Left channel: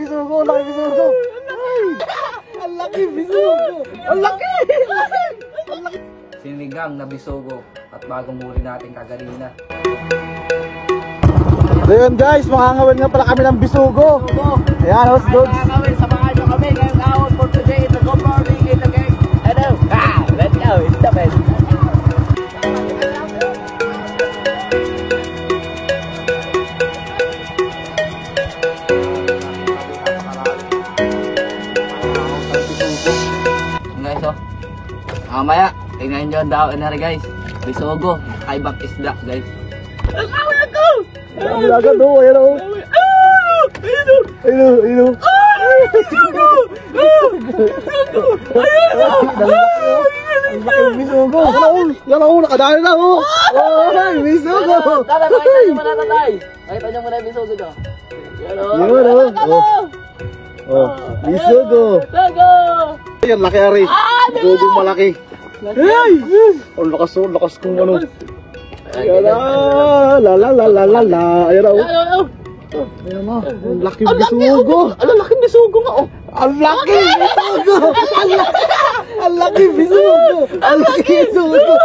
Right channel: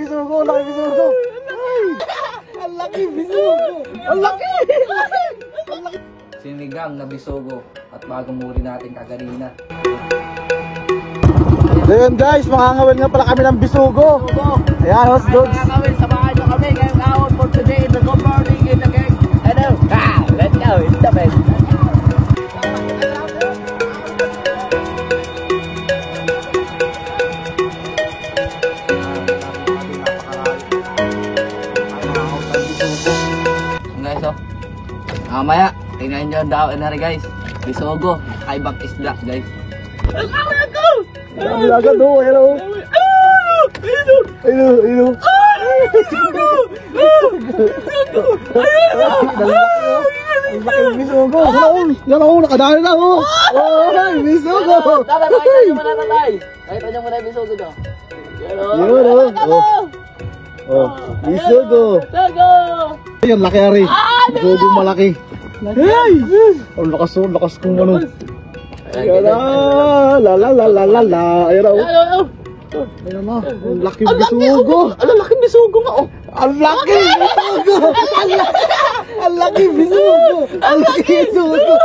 bisugo, laki bisugo. Ang laki bisugo. Ang laki. Sinigang na bisugo at bagong huli natin kaganina. Yan guys, makangawin nga pala kami ng bisugo. Yan, hot dogs. Mamaya, tingnan nyo ang daw na rin guys. Bisugo, kaibang isda guys. Ang laga do, hello. Hello. Bisugo. Yan ako, nakadali na ako. Bisugo. Ay, mo na yung bisugo daw. Yan oh. Bisugo. Yan, laki na rin. Bisugo malaki. Ang bakas kong ano. La. Ayan ako. Ayan mo, ang laki bisugo. Ang laki bisugo nga oh. Ang laki bisugo. Ang laki bisugo. Ang laki bisugo.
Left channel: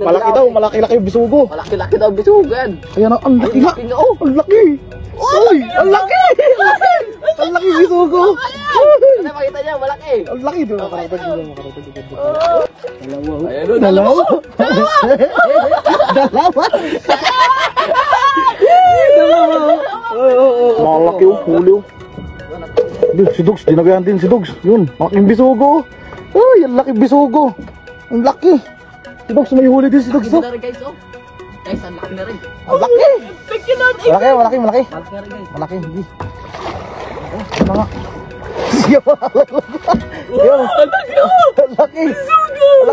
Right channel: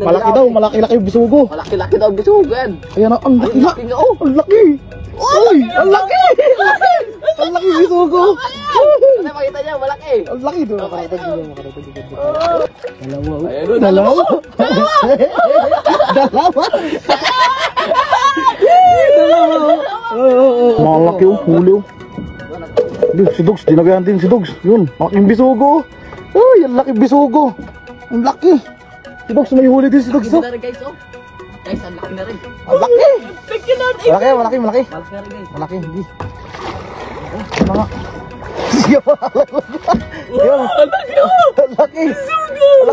Malaki daw, malaki bisugo. Laki daw bisugo yan. Ayan ang laki nga. Ang laki. Ay, ang laki. Ang laki bisugo. Makita niya, malaki. Ang laki daw, makarating dito. Malaki yung hindi. Si Dugs, ginagayan din si Dugs. Yun, ang bisugo. Uy, ang laki bisugo. Ang laki. Si Dugs, may huli din si Dugs. Malaki na rin guys oh. Guys, ang laki na rin. Ang laki. Malaki. Malaki na rin guys. Ang laki.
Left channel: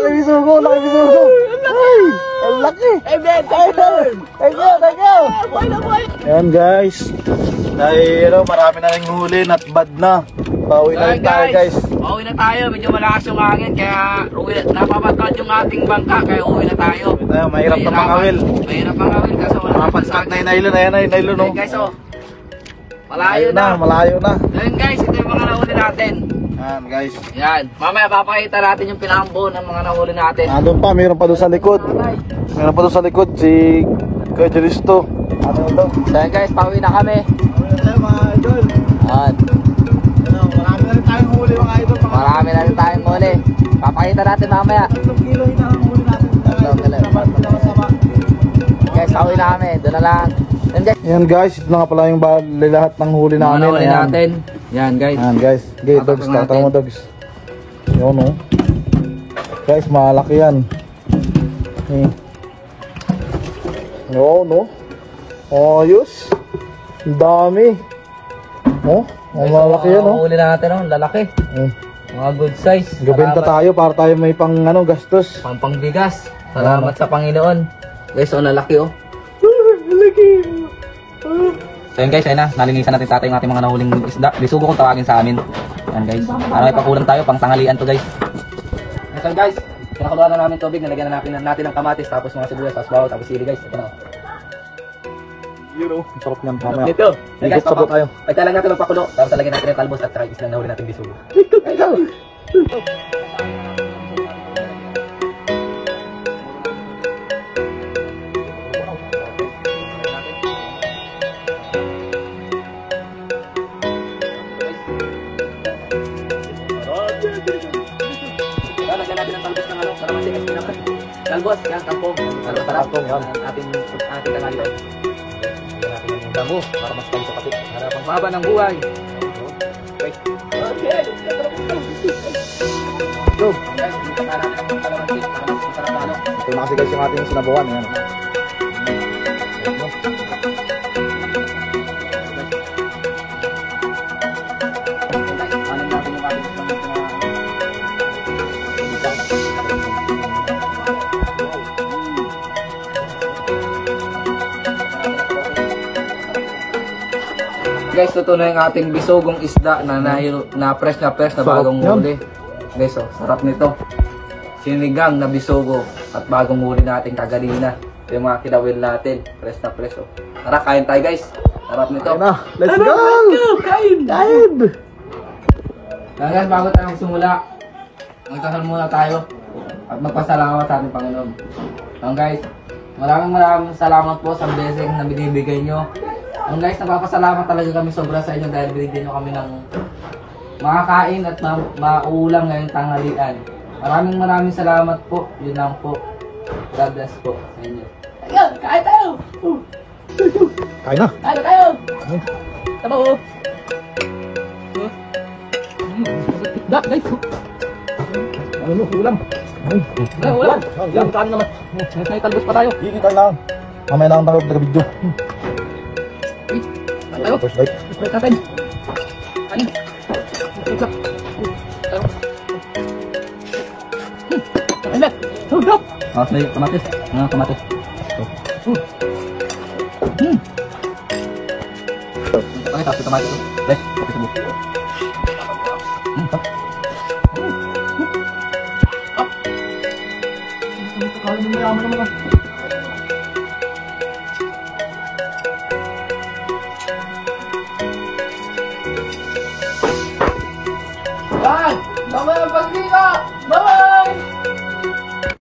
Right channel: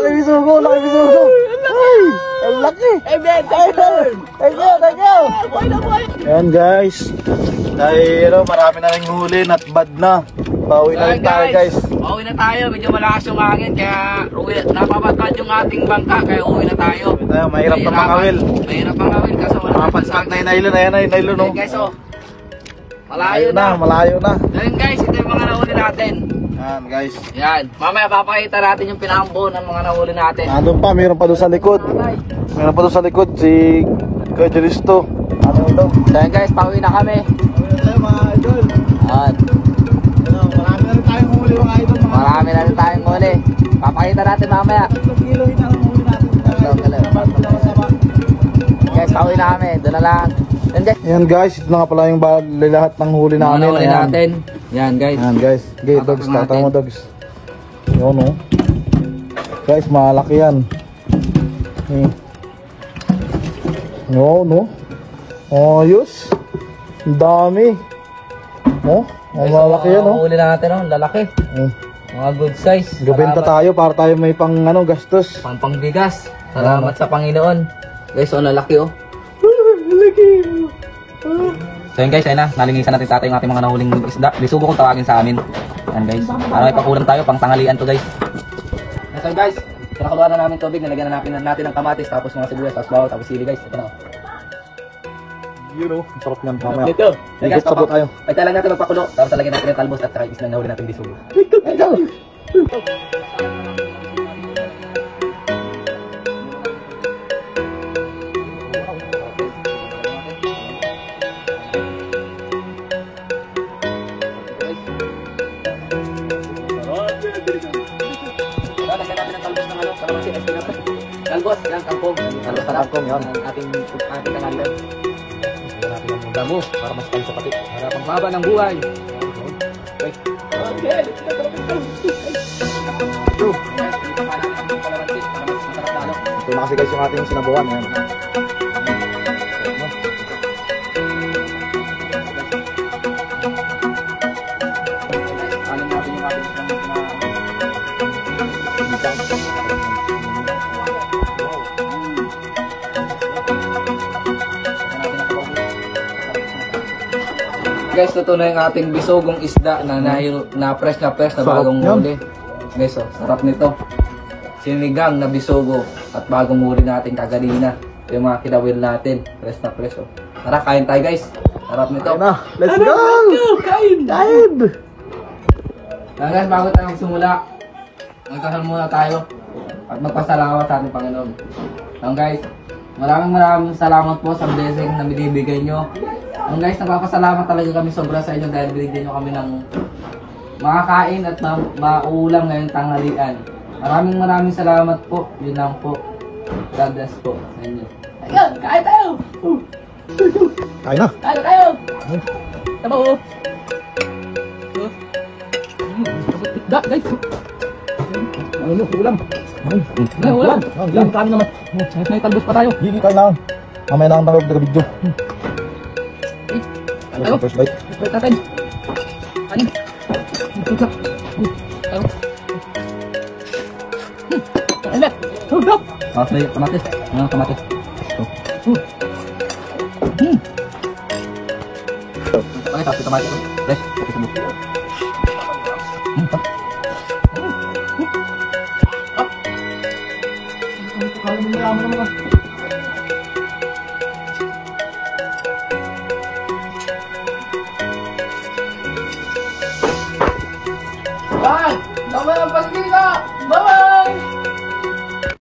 Bisugo. Ang laki. Ayan guys. Ay, marami na rin huli. Not bad na. Bawi na rin tayo guys. Uwi na tayo. Medyo malakas yung hangin. Kaya napapatad yung ating bangka. Kaya uwi na tayo. Mahirap na makawil. Mahirap makawil. Kasi Mapagsak na yung nylon. Ayan na yung nylon. Ayan guys oh. Malayo na. Ngayon guys, ito yung mga nahuli natin. Ayan guys. Yan. Mamaya papakita natin yung pinambo ng mga nahuli natin. Doon pa, meron pa doon sa likod. Si Kuya Jeristo. Ano ito? Ayan guys, pauwi na kami. Ayan mga idol. Yan. Marami na tayong huli. Papakita natin mamaya. Ayan guys, ito na nga pala yung lahat ng huli namin. Natin. Yan guys. Ayan guys. Hindi, dogs na. Tayo mo dogs. Ayan o. Guys, malaki yan. Oo, no? Ayos. Ang dami. No? Ang malaki yan, no? Huli natin ang lalaki. Mga good size. Gabenta tayo para tayo may pang gastos. Pantong bigas. Salamat sa Panginoon. Guys, ang lalaki oh. Ayan guys, ayun na. Malinisan natin sa atin yung ating mga nahuling isda. Bisugo kong tawagin sa amin. Ayan guys. May pakulang tayo pang tanghalian to guys. Ayan guys. Pinakulaan na namin tubig. Nalagyan na natin ng kamatis. Tapos mga sibuyas. Tapos bawal. Tapos sili guys. Ito na. Ang sarap ng tama. Ito. Higit sa tayo. Ay talaga natin magpakulo. Tapos talagyan natin ng talbos at saka isang nahuli natin bisugo. Ito na kasi guys yung ating sinabawan. Guys, ito na yung ating bisugong isda na fresh na bagong huli. Guys, oh, sarap nito. Sinigang na bisugo at bagong huli natin kaganina. Yung mga kinawil natin, fresh na fresh. Oh. Tara, kain tayo guys. Sarap nito. Let's go! Kain! Kaya bago tayo simula, magkakaroon muna tayo at magpasalamat sa ating Panginoon. And guys, maraming salamat po sa blessing na binibigay nyo. And guys, nagpapasalamat talaga kami sobra sa inyo dahil binigyan nyo kami ng makakain at makaulam ngayong tanghalian. Maraming salamat po. Yun lang po. God bless po. Kain tayo! Ayun. Kain tayo! Ano mo? Dak, guys. Ulam. Ano? May tangos pa tayo. Mamaya lang tayo video. Tapos wait. Ayun na. Tumatis. Ano pa? Tumatis. Guys, Kaya mo